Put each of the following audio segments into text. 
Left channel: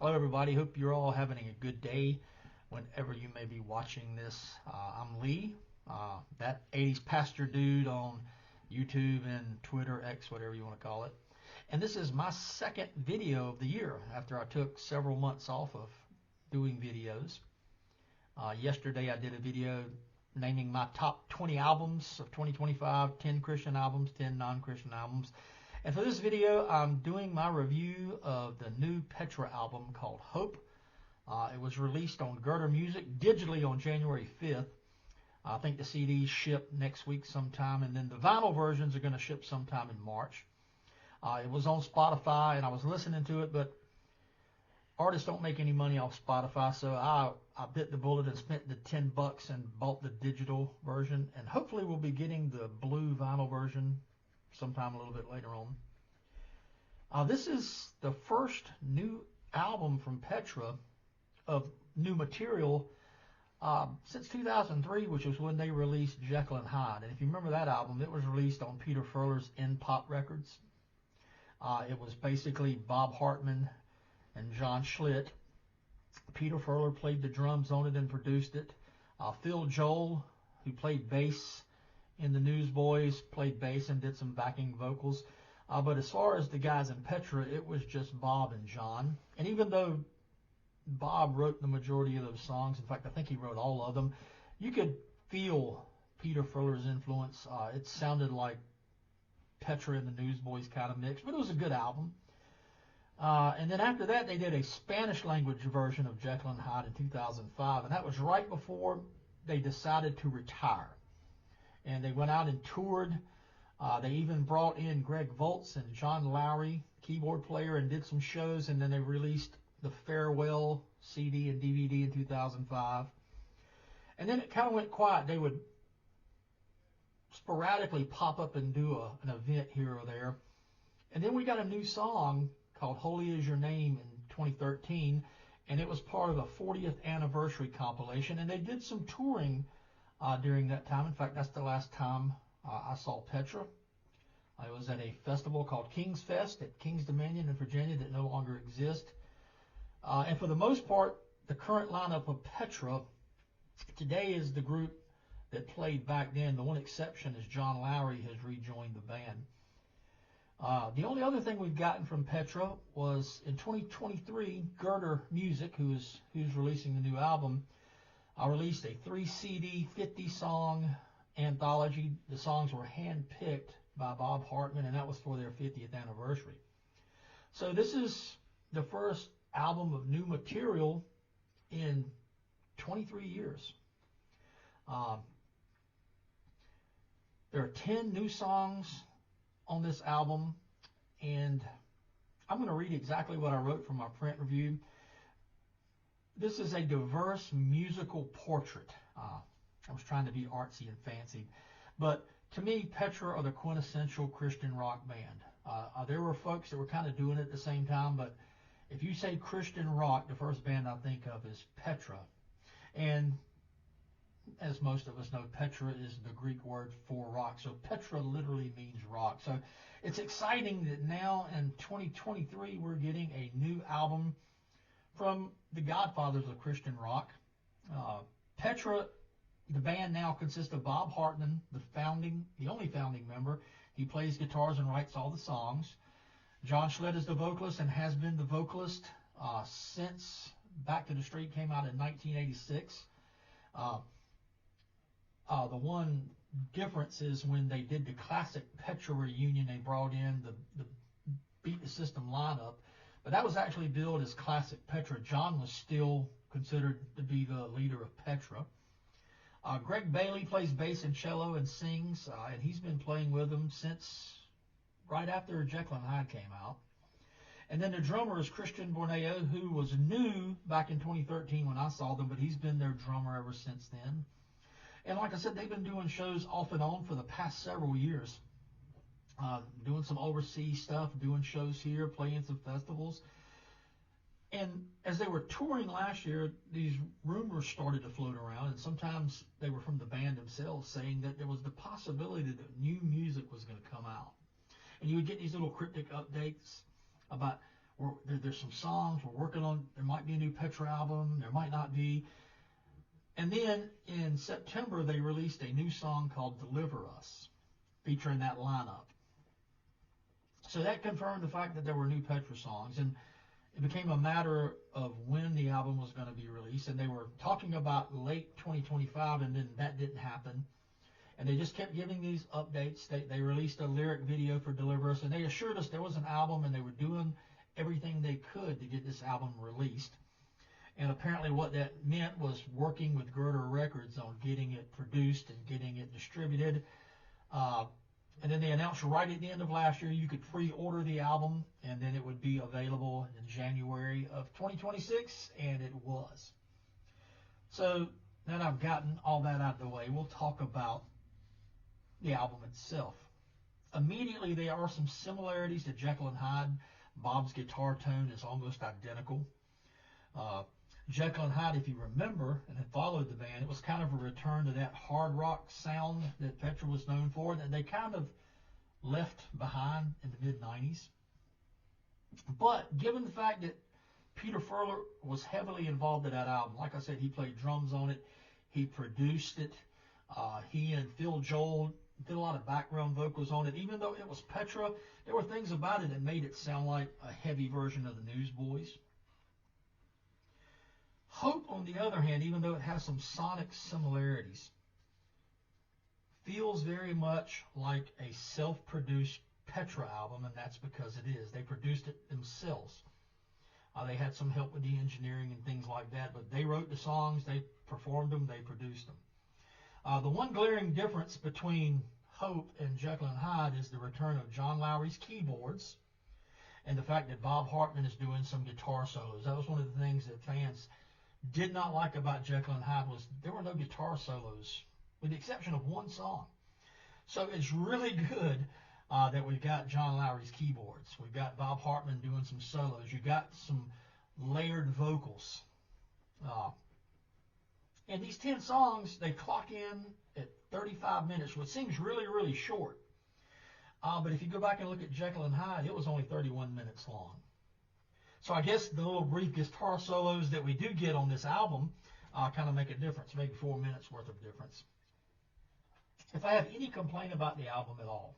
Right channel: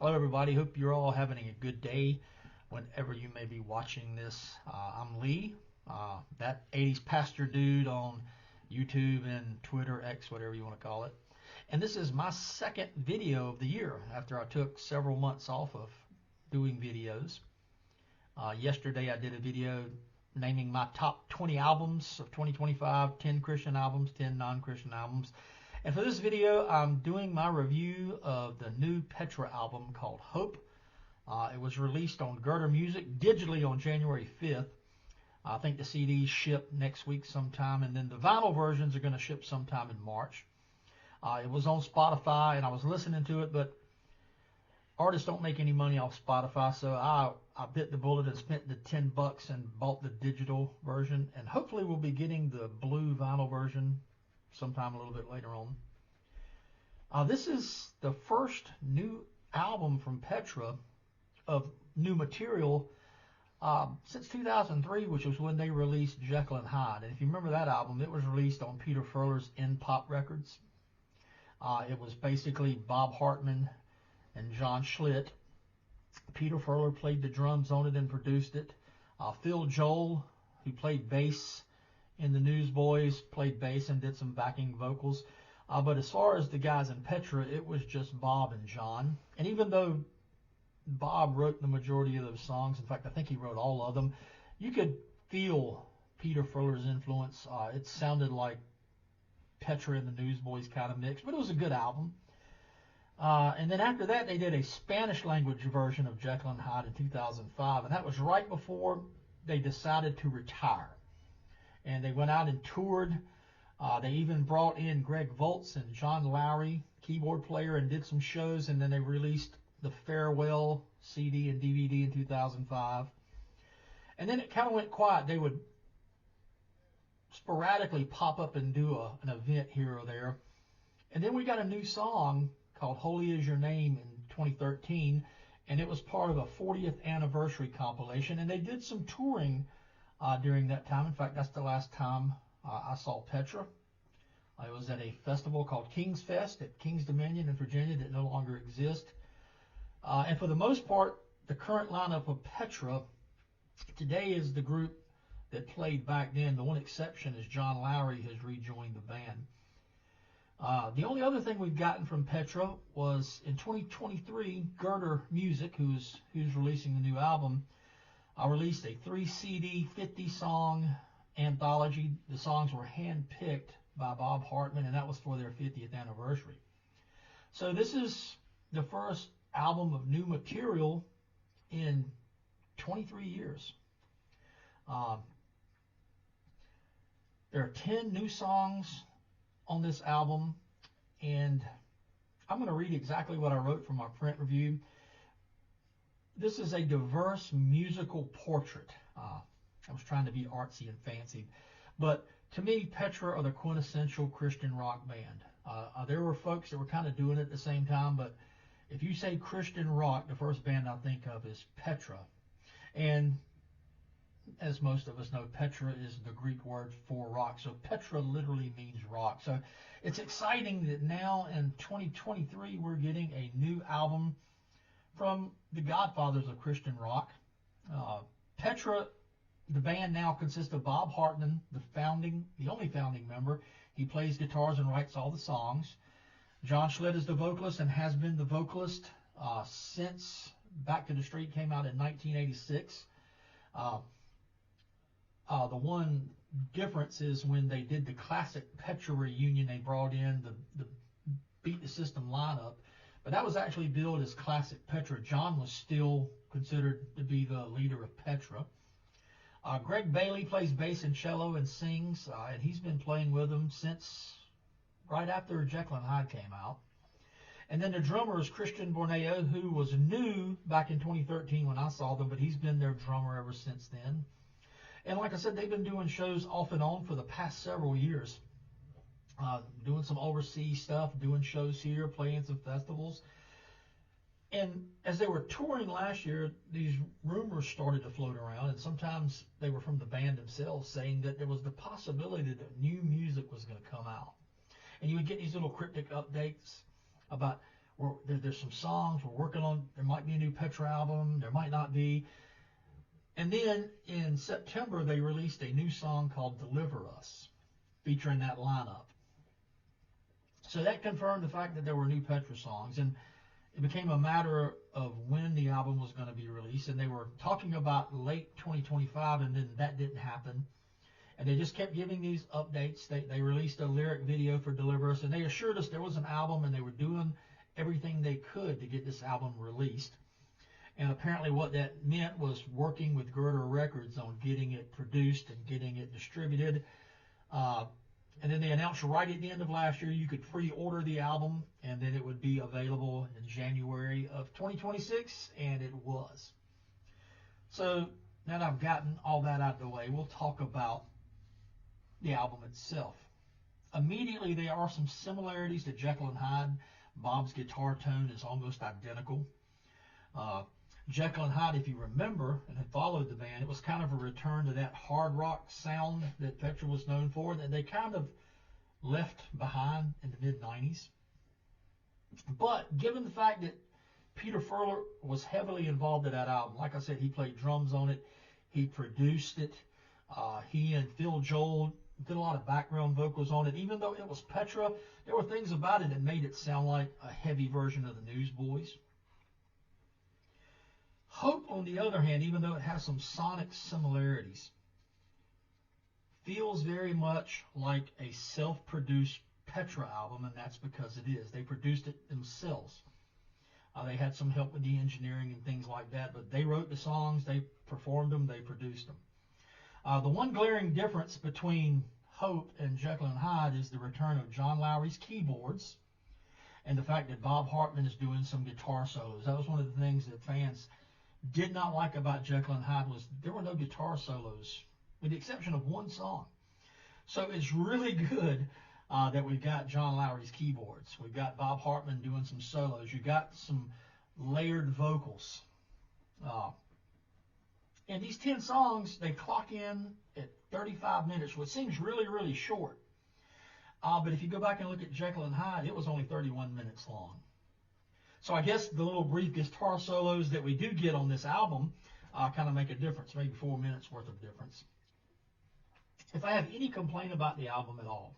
Hello, everybody. Hope you're all having a good day whenever you may be watching this. I'm Lee, that 80s pastor dude on YouTube and Twitter, X, whatever you want to call it. And this is my second video of the year after I took several months off of doing videos. Yesterday I did a video naming my top 20 albums of 2025, 10 Christian albums, 10 non-Christian albums. And for this video, I'm doing my review of the new Petra album called Hope. It was released on Girder Music digitally on January 5th. I think the CDs ship next week sometime, and then the vinyl versions are going to ship sometime in March. It was on Spotify, and I was listening to it, but artists don't make any money off Spotify, so I bit the bullet and spent the $10 and bought the digital version, and hopefully we'll be getting the blue vinyl version sometime a little bit later on. This is the first new album from Petra of new material since 2003, which was when they released Jekyll and Hyde. And if you remember that album, it was released on Peter Furler's In Pop Records. It was basically Bob Hartman and John Schlitt. Peter Furler played the drums on it and produced it. Phil Joel, who played bass in the Newsboys, played bass and did some backing vocals. But as far as the guys in Petra, it was just Bob and John. And even though Bob wrote the majority of those songs, in fact, I think he wrote all of them, you could feel Peter Furler's influence. It sounded like Petra and the Newsboys kind of mix, but it was a good album. And then after that, they did a Spanish language version of Jekyll and Hyde in 2005, and that was right before they decided to retire. And they went out and toured. They even brought in Greg Voltz and John Lowry, keyboard player, and did some shows. And then they released the Farewell CD and DVD in 2005. And then it kind of went quiet. They would sporadically pop up and do an event here or there. And then we got a new song called Holy Is Your Name in 2013. And it was part of a 40th anniversary compilation. And they did some touring during that time. In fact, that's the last time I saw Petra. I was at a festival called King's Fest at King's Dominion in Virginia that no longer exists. And for the most part, the current lineup of Petra today is the group that played back then. The one exception is John Lowry has rejoined the band. The only other thing we've gotten from Petra was in 2023, Girder Music, who's releasing the new album, I released a 3-CD, 50-song anthology. The songs were hand-picked by Bob Hartman, and that was for their 50th anniversary. So this is the first album of new material in 23 years. There are 10 new songs on this album, and I'm going to read exactly what I wrote from my print review. This is a diverse musical portrait. I was trying to be artsy and fancy, but to me, Petra are the quintessential Christian rock band. There were folks that were kind of doing it at the same time, but if you say Christian rock, the first band I think of is Petra. And as most of us know, Petra is the Greek word for rock. So Petra literally means rock. So it's exciting that now in 2023 we're getting a new album from the godfathers of Christian rock. Petra, the band now consists of Bob Hartman, the only founding member. He plays guitars and writes all the songs. John Schlitt is the vocalist and has been the vocalist since Back to the Street came out in 1986. The one difference is when they did the classic Petra reunion, they brought in the Beat the System lineup. But that was actually billed as classic Petra. John was still considered to be the leader of Petra. Greg Bailey plays bass and cello and sings, and he's been playing with them since right after Jekyll and Hyde came out. And then the drummer is Christian Borneo, who was new back in 2013 when I saw them, but he's been their drummer ever since then. And like I said, they've been doing shows off and on for the past several years. Doing some overseas stuff, doing shows here, playing some festivals. And as they were touring last year, these rumors started to float around, and sometimes they were from the band themselves saying that there was the possibility that new music was going to come out. And you would get these little cryptic updates about there's some songs we're working on. There might be a new Petra album. There might not be. And then in September, they released a new song called Deliver Us, featuring that lineup. So that confirmed the fact that there were new Petra songs, and it became a matter of when the album was going to be released, and they were talking about late 2025, and then that didn't happen. And they just kept giving these updates. They released a lyric video for Deliver Us, and they assured us there was an album, and they were doing everything they could to get this album released. And apparently what that meant was working with Girder Records on getting it produced and getting it distributed. Uh, and then they announced right at the end of last year you could pre-order the album, and then it would be available in January of 2026, and it was. So now that I've gotten all that out of the way, we'll talk about the album itself. Immediately, there are some similarities to Jekyll and Hyde. Bob's guitar tone is almost identical. Uh, Jekyll and Hyde, if you remember and had followed the band, it was kind of a return to that hard rock sound that Petra was known for that they kind of left behind in the mid-90s. But given the fact that Peter Furler was heavily involved in that album, like I said, he played drums on it, he produced it, he and Phil Joel did a lot of background vocals on it. Even though it was Petra, there were things about it that made it sound like a heavy version of the Newsboys. Hope, on the other hand, even though it has some sonic similarities, feels very much like a self-produced Petra album, and that's because it is. They produced it themselves. They had some help with the engineering and things like that, but they wrote the songs, they performed them, they produced them. The one glaring difference between Hope and Jekyll and Hyde is the return of John Lowry's keyboards and the fact that Bob Hartman is doing some guitar solos. That was one of the things that fans did not like about Jekyll and Hyde was there were no guitar solos, with the exception of one song. So it's really good that we've got John Lowry's keyboards. We've got Bob Hartman doing some solos. You've got some layered vocals. And these 10 songs, they clock in at 35 minutes, which seems really, really short. But if you go back and look at Jekyll and Hyde, it was only 31 minutes long. So I guess the little brief guitar solos that we do get on this album kind of make a difference, maybe 4 minutes worth of difference. If I have any complaint about the album at all,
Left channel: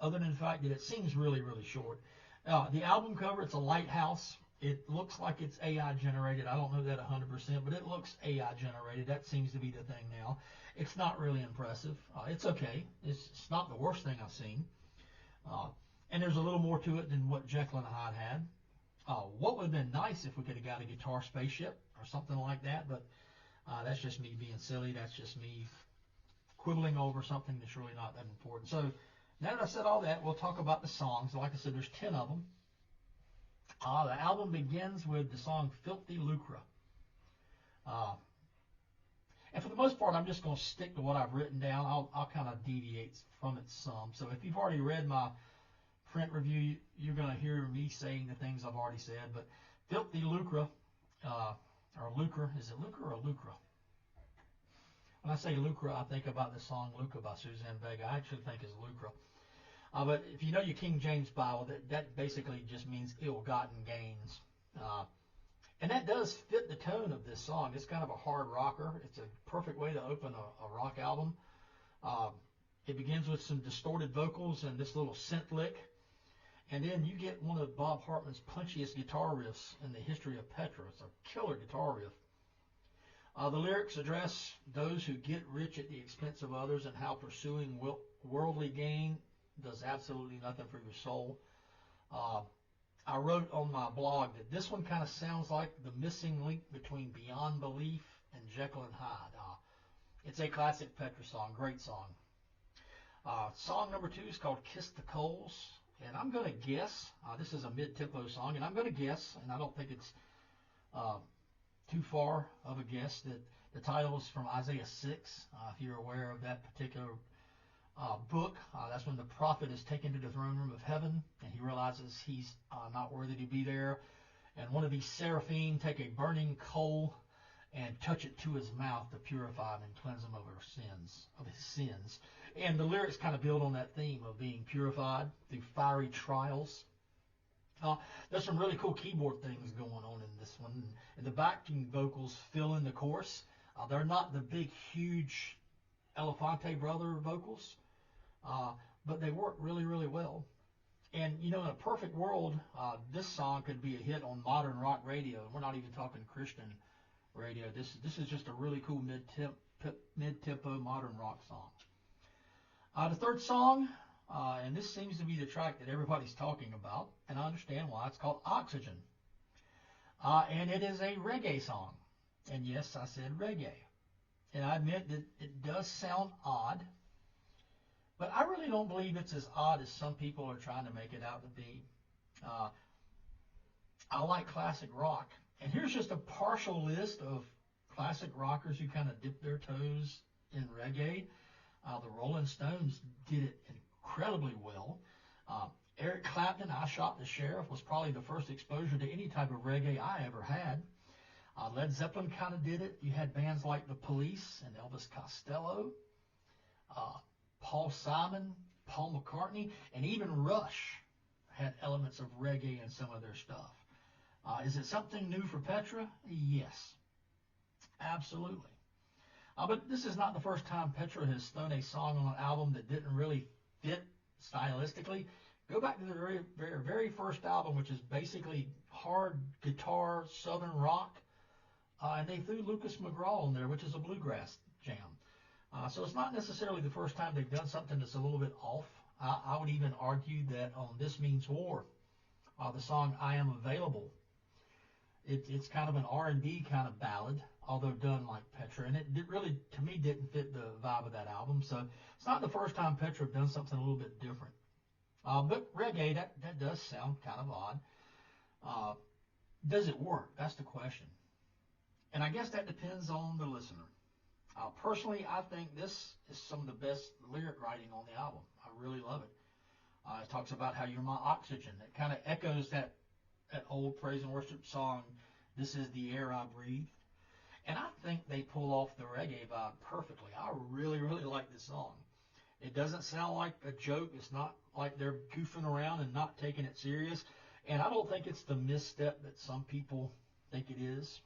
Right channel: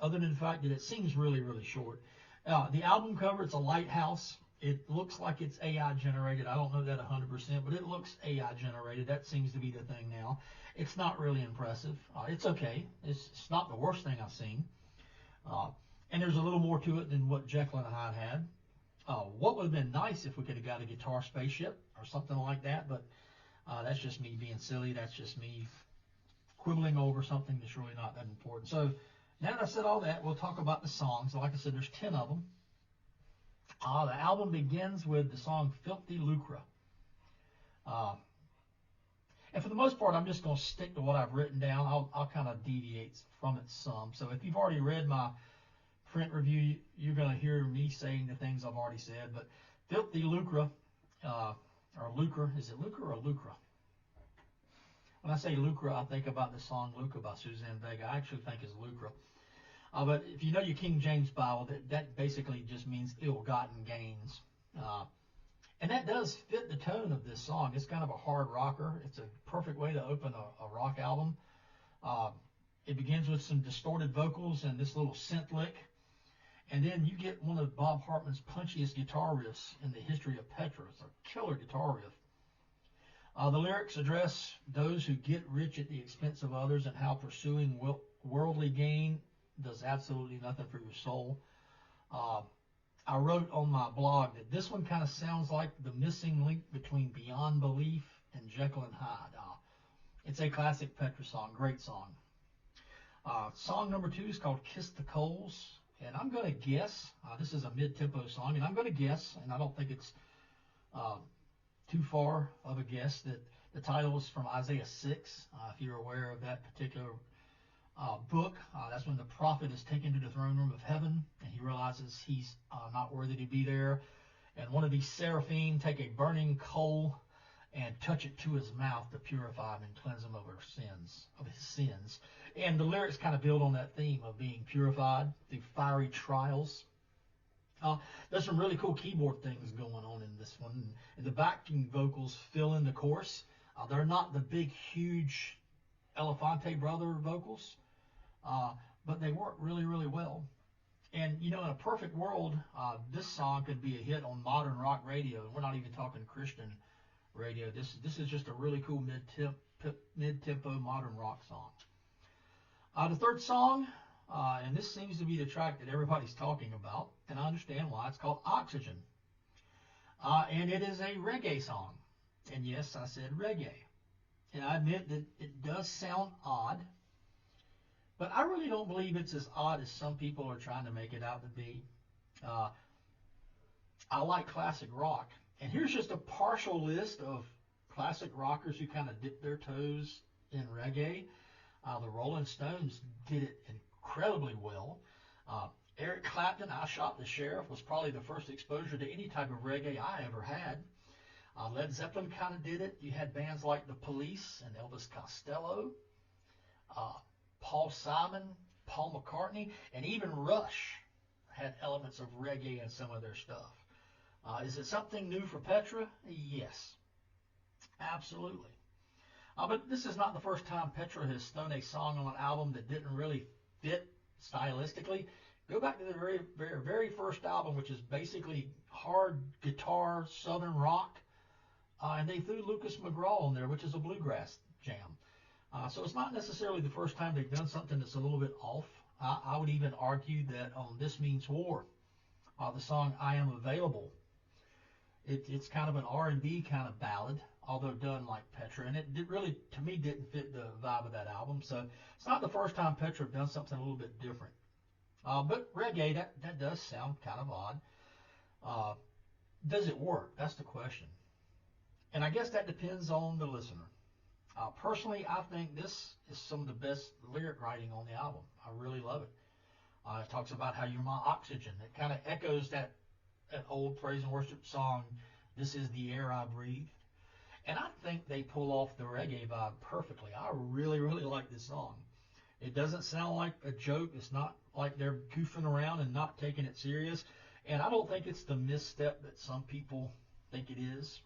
other than the fact that it seems really, really short, the album cover, it's a lighthouse. It looks like it's AI generated. I don't know that 100%, but it looks AI generated. That seems to be the thing now. It's not really impressive. It's okay. It's not the worst thing I've seen. And there's a little more to it than what Jekyll and Hyde had. What would have been nice if we could have got a guitar spaceship or something like that, but that's just me being silly. That's just me quibbling over something that's really not that important. So now that I've said all that, we'll talk about the songs. Like I said, there's 10 of them. The album begins with the song Filthy Lucre. And for the most part, I'm just going to stick to what I've written down. I'll kind of deviate from it some. So if you've already read my print review, you're going to hear me saying the things I've already said. But Filthy Lucre, or Lucre, is it Lucre or Lucre? When I say Lucre, I think about the song Lucre by Suzanne Vega. I actually think it's Lucre. But if you know your King James Bible, that basically just means ill-gotten gains. And that does fit the tone of this song. It's kind of a hard rocker. It's a perfect way to open a rock album. It begins with some distorted vocals and this little synth lick. And then you get one of Bob Hartman's punchiest guitar riffs in the history of Petra. It's a killer guitar riff. The lyrics address those who get rich at the expense of others and how pursuing worldly gain does absolutely nothing for your soul. I wrote on my blog that this one kind of sounds like the missing link between Beyond Belief and Jekyll and Hyde. It's a classic Petra song, great song. Song number 2 is called Kiss the Coals, and I'm going to guess, this is a mid-tempo song, and I'm going to guess, and I don't think it's too far of a guess, that the title is from Isaiah 6, if you're aware of that particular book. That's when the prophet is taken to the throne room of heaven, and he realizes he's not worthy to be there. And one of these seraphim take a burning coal and touch it to his mouth to purify him and cleanse him of his sins. And the lyrics kind of build on that theme of being purified through fiery trials. Uh, there's some really cool keyboard things going on in this one. And the backing vocals fill in the chorus. They're not the big, huge Elefante brother vocals, uh, but they work really, really well. And you know, in a perfect world, this song could be a hit on modern rock radio. We're not even talking Christian radio. This is just a really cool mid-tempo modern rock song. The third song, and this seems to be the track that everybody's talking about, and I understand why. It's called Oxygen, and it is a reggae song. And yes, I said reggae. And I admit that it does sound odd, but I really don't believe it's as odd as some people are trying to make it out to be. Uh, I like classic rock, and here's just a partial list of classic rockers who kind of dip their toes in reggae. The Rolling Stones did it incredibly well. Uh, Eric Clapton, I Shot the Sheriff, was probably the first exposure to any type of reggae I ever had. Led Zeppelin kind of did it. You had bands like The Police and Elvis Costello, uh, Paul Simon, Paul McCartney, and even Rush had elements of reggae in some of their stuff. Is it something new for Petra? Yes, absolutely. But this is not the first time Petra has thrown a song on an album that didn't really fit stylistically. Go back to the very first album, which is basically hard guitar southern rock, and they threw Lucas McGraw on there, which is a bluegrass jam. So it's not necessarily the first time they've done something that's a little bit off. I would even argue that on This Means War, the song I Am Available, it's kind of an R&B kind of ballad, although done like Petra, and it really, to me, didn't fit the vibe of that album. So it's not the first time Petra have done something a little bit different. But reggae, that does sound kind of odd. Uh, does it work? That's the question. And I guess that depends on the listener. Personally, I think this is some of the best lyric writing on the album. I really love it. It talks about how you're my oxygen. It kind of echoes that old praise and worship song, This Is the Air I Breathe. And I think they pull off the reggae vibe perfectly. I really, really like this song. It doesn't sound like a joke. It's not like they're goofing around and not taking it serious. And I don't think it's the misstep that some people think it is.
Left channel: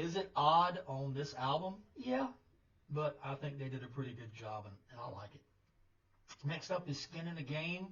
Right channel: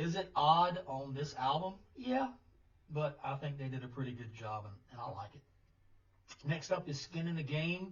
Is it odd on this album? Yeah, but I think they did a pretty good job, and I like it. Next up is Skin in the Game.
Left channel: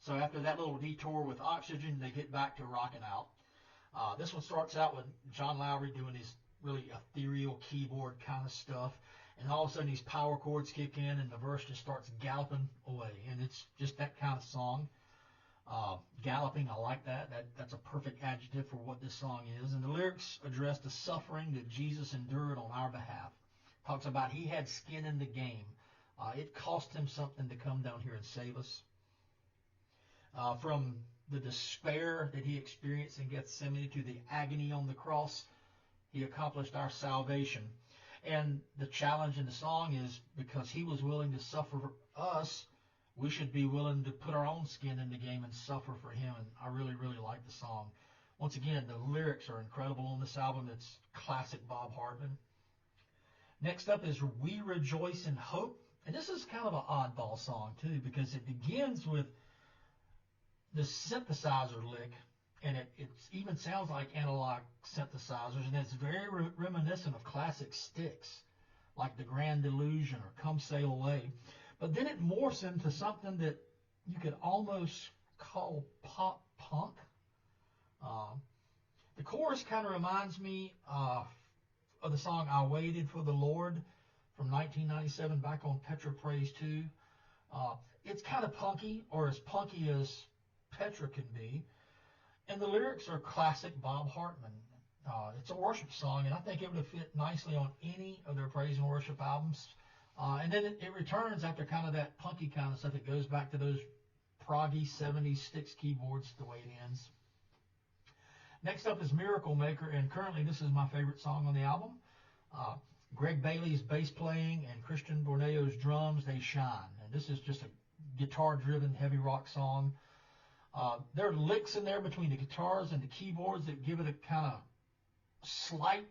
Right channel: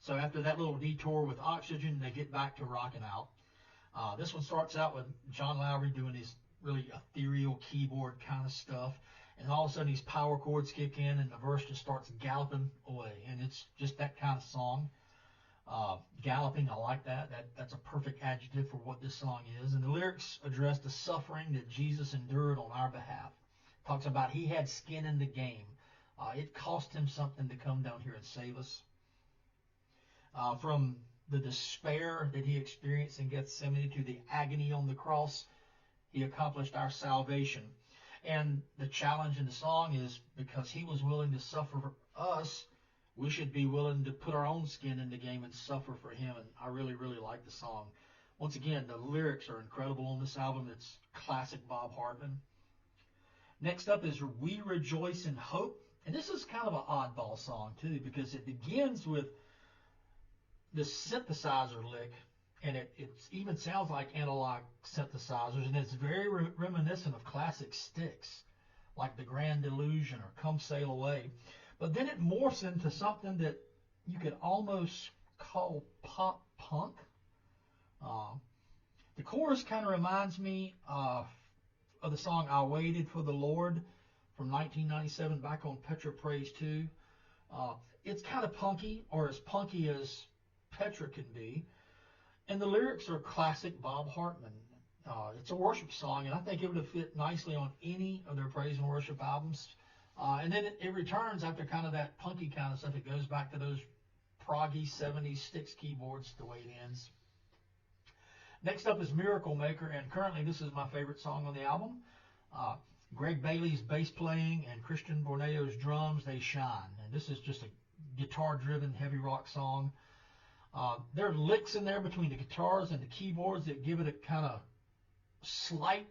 So after that little detour with Oxygen, they get back to rocking out. This one starts out with John Lowry doing his really ethereal keyboard kind of stuff, and all of a sudden these power chords kick in, and the verse just starts galloping away, and it's just that kind of song. Galloping, I like that. That's a perfect adjective for what this song is. And the lyrics address the suffering that Jesus endured on our behalf. Talks about he had skin in the game. It cost him something to come down here and save us. From the despair that he experienced in Gethsemane to the agony on the cross, he accomplished our salvation. And the challenge in the song is because he was willing to suffer for us, we should be willing to put our own skin in the game and suffer for him. And I really, really like the song. Once again, the lyrics are incredible on this album. It's classic Bob Hartman. Next up is We Rejoice in Hope. And this is kind of an oddball song, too, because it begins with the synthesizer lick, and it even sounds like analog synthesizers, and it's very reminiscent of classic Styx, like The Grand Illusion or Come Sail Away. But then it morphs into something that you could almost call pop punk. Uh, the chorus kind of reminds me of the song I Waited for the Lord from 1997 back on Petra Praise 2. It's kind of punky, or as punky as Petra can be. And the lyrics are classic Bob Hartman. It's a worship song, and I think it would have fit nicely on any of their praise and worship albums. And then it returns after kind of that punky kind of stuff. It goes back to those proggy 70s Styx keyboards the way it ends. Next up is Miracle Maker, and currently this is my favorite song on the album. Uh, Greg Bailey's bass playing and Christian Borneo's drums, they shine. And this is just a guitar-driven heavy rock song. There are licks in there between the guitars and the keyboards that give it a kind of slight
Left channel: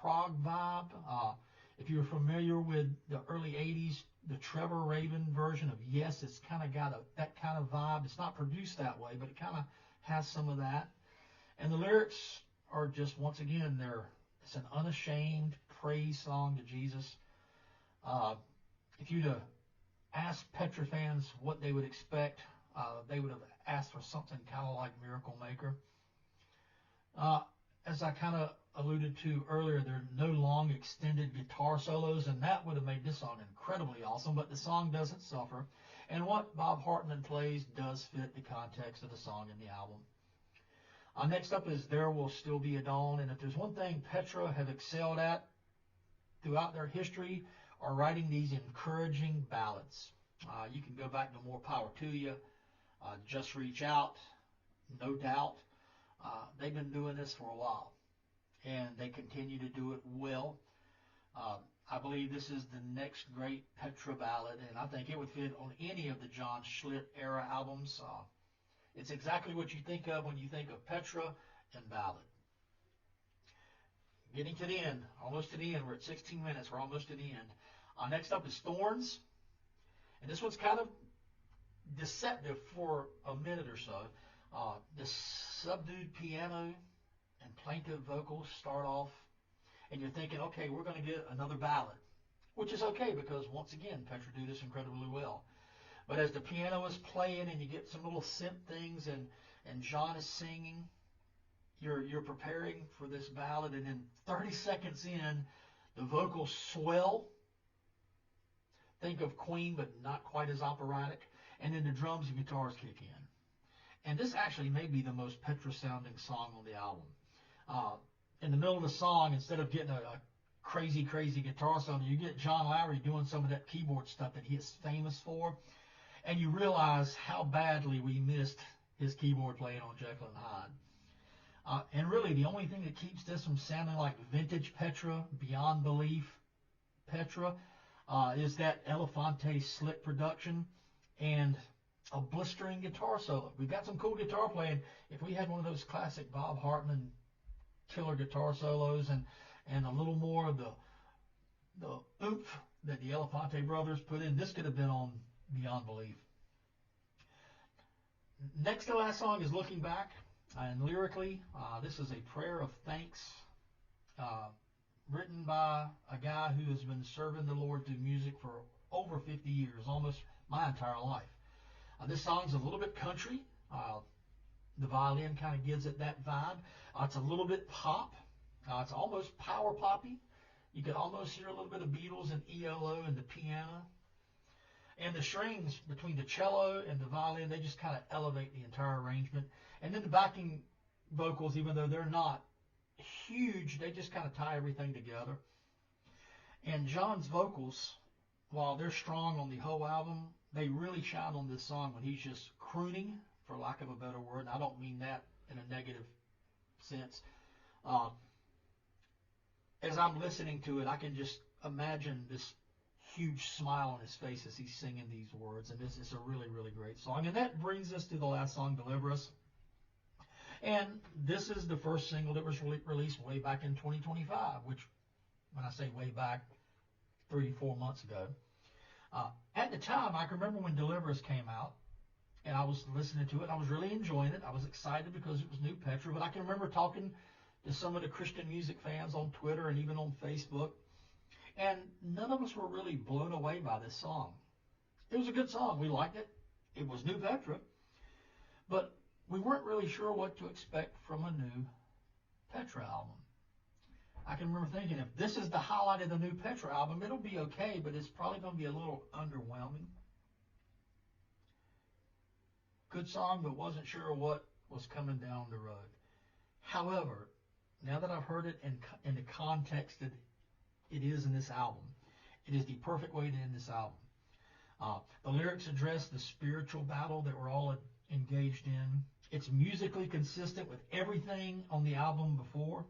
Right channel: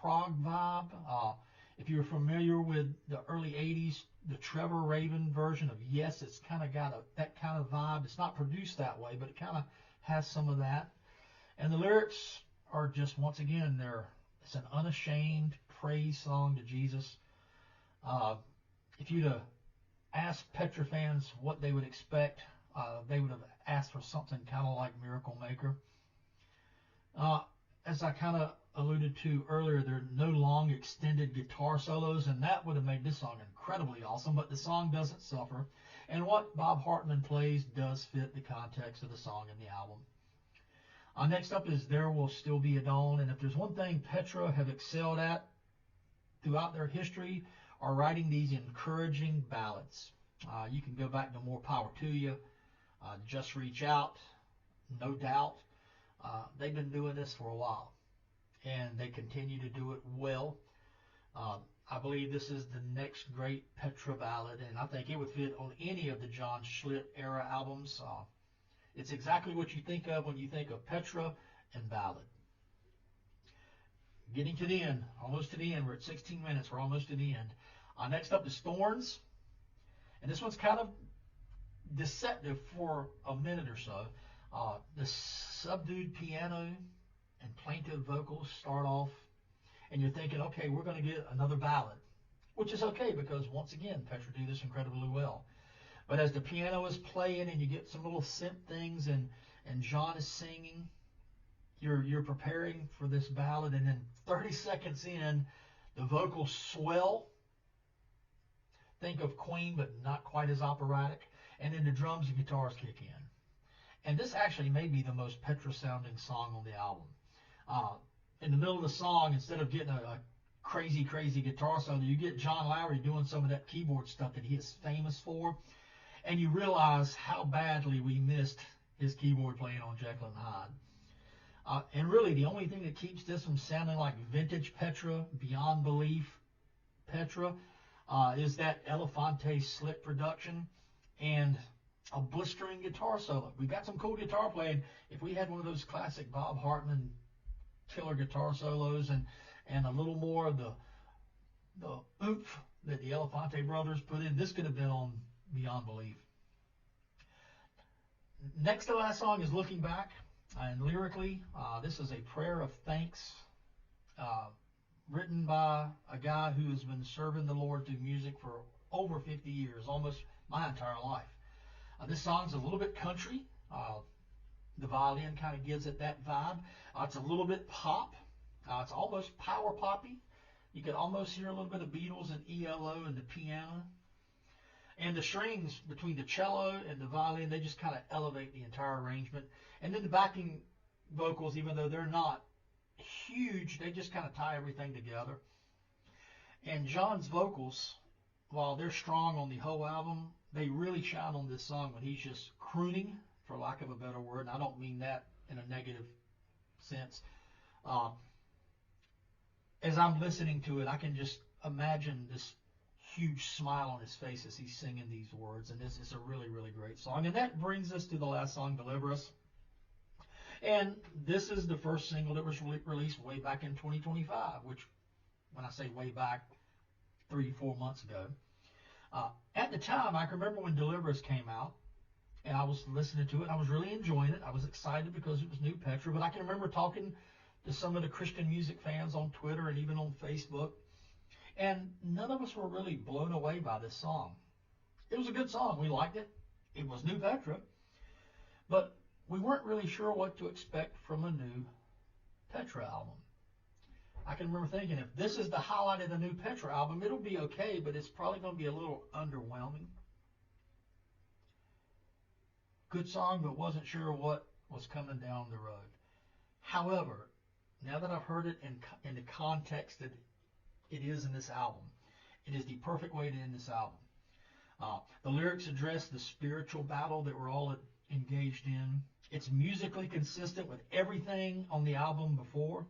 prog vibe. If you're familiar with the early 80s, the Trevor Rabin version of Yes, it's kind of got that kind of vibe. It's not produced that way, but it kind of has some of that. And the lyrics are just, once again, it's an unashamed praise song to Jesus. If you'd have asked Petra fans what they would expect, they would have asked for something kind of like Miracle Maker. As I kind of alluded to earlier, there are no long extended guitar solos, and that would have made this song incredibly awesome, but the song doesn't suffer. And what Bob Hartman plays does fit the context of the song and the album. Next up is There Will Still Be a Dawn, and if there's one thing Petra have excelled at throughout their history, are writing these encouraging ballads. You can go back to More Power to You, Just Reach Out, No Doubt. They've been doing this for a while, and they continue to do it well. I believe this is the next great Petra ballad, and I think it would fit on any of the John Schlitt era albums. It's exactly what you think of when you think of Petra and ballad. Getting to the end, almost to the end. We're at 16 minutes. We're almost to the end. Next up is Thorns, and this one's kind of deceptive for a minute or so. The subdued piano and plaintive vocals start off, and you're thinking, okay, we're going to get another ballad, which is okay because, once again, Petra do this incredibly well. But as the piano is playing and you get some little synth things and John is singing, you're preparing for this ballad, and then 30 seconds in, the vocals swell. Think of Queen, but not quite as operatic. And then the drums and guitars kick in. And this actually may be the most Petra-sounding song on the album. In the middle of the song, instead of getting a crazy, crazy guitar solo, you get John Lowry doing some of that keyboard stuff that he is famous for. And you realize how badly we missed his keyboard playing on Jekyll and Hyde. And really, the only thing that keeps this from sounding like vintage Petra, beyond belief Petra, is that Elefante slit production and a blistering guitar solo. We've got some cool guitar playing. If we had one of those classic Bob Hartman killer guitar solos and a little more of the oomph that the Elefante brothers put in, this could have been on Beyond Belief. Next to last song is Looking Back. And lyrically, this is a prayer of thanks written by a guy who has been serving the Lord through music for over 50 years, almost my entire life. This song's a little bit country. The violin kind of gives it that vibe. It's a little bit pop. It's almost power poppy. You can almost hear a little bit of Beatles and ELO in the piano. And the strings between the cello and the violin, they just kind of elevate the entire arrangement. And then the backing vocals, even though they're not huge, they just kind of tie everything together. And John's vocals, while they're strong on the whole album, they really shine on this song when he's just crooning, for lack of a better word. And I don't mean that in a negative sense. As I'm listening to it, I can just imagine this huge smile on his face as he's singing these words. And this is a really, really great song. And that brings us to the last song, Deliver Us. And this is the first single that was released way back in 2025, which, when I say way back, 3-4 months ago. At the time, I can remember when Deliver Us came out, and I was listening to it, and I was really enjoying it. I was excited because it was new Petra, but I can remember talking to some of the Christian music fans on Twitter and even on Facebook, and none of us were really blown away by this song. It was a good song. We liked it. It was new Petra, but we weren't really sure what to expect from a new Petra album. I can remember thinking, if this is the highlight of the new Petra album, it'll be okay, but it's probably going to be a little underwhelming. Good song, but wasn't sure what was coming down the road. However, now that I've heard it in the context that it is in this album, it is the perfect way to end this album. The lyrics address the spiritual battle that we're all engaged in. It's musically consistent with everything on the album before.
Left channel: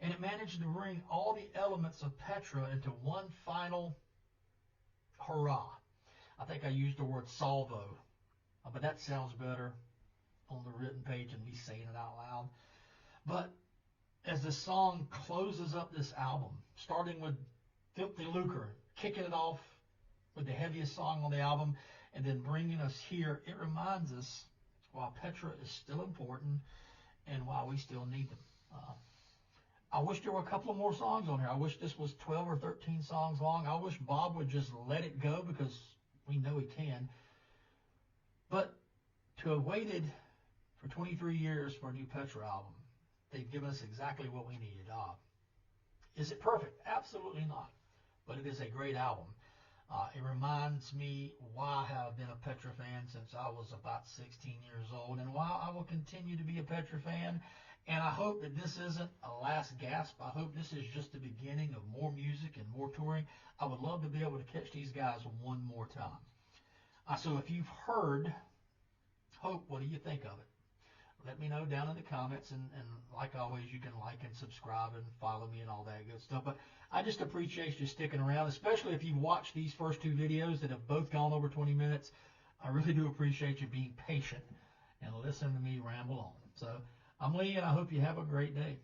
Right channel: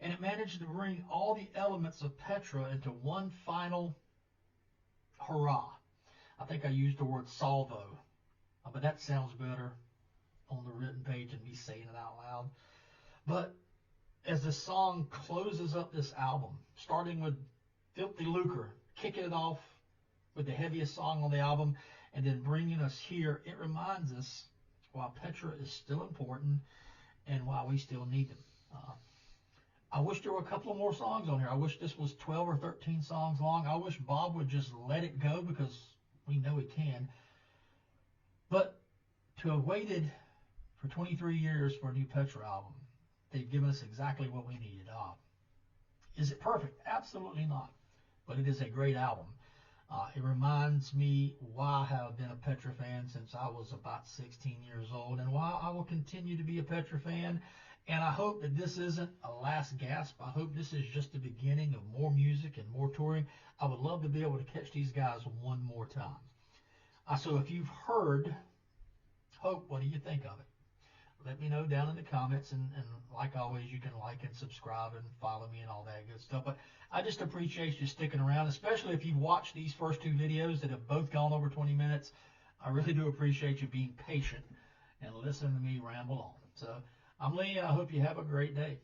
And it managed to bring all the elements of Petra into one final hurrah. I think I used the word salvo, but that sounds better on the written page than me saying it out loud. But as the song closes up this album, starting with Filthy Lucre, kicking it off with the heaviest song on the album, and then bringing us here. It reminds us why Petra is still important and why we still need them. I wish there were a couple of more songs on here. I wish this was 12 or 13 songs long. I wish Bob would just let it go because we know he can. But to have waited for 23 years for a new Petra album, they've given us exactly what we needed. Is it perfect? Absolutely not. But it is a great album. It reminds me why I have been a Petra fan since I was about 16 years old, and why I will continue to be a Petra fan. And I hope that this isn't a last gasp. I hope this is just the beginning of more music and more touring. I would love to be able to catch these guys one more time. So if you've heard Hope, what do you think of it? Let me know down in the comments, and like always, you can like and subscribe and follow me and all that good stuff. But I just appreciate you sticking around, especially if you've watched these first two videos that have both gone over 20 minutes. I really do appreciate you being patient and listening to me ramble on. So I'm Lee, and I hope you have a great day.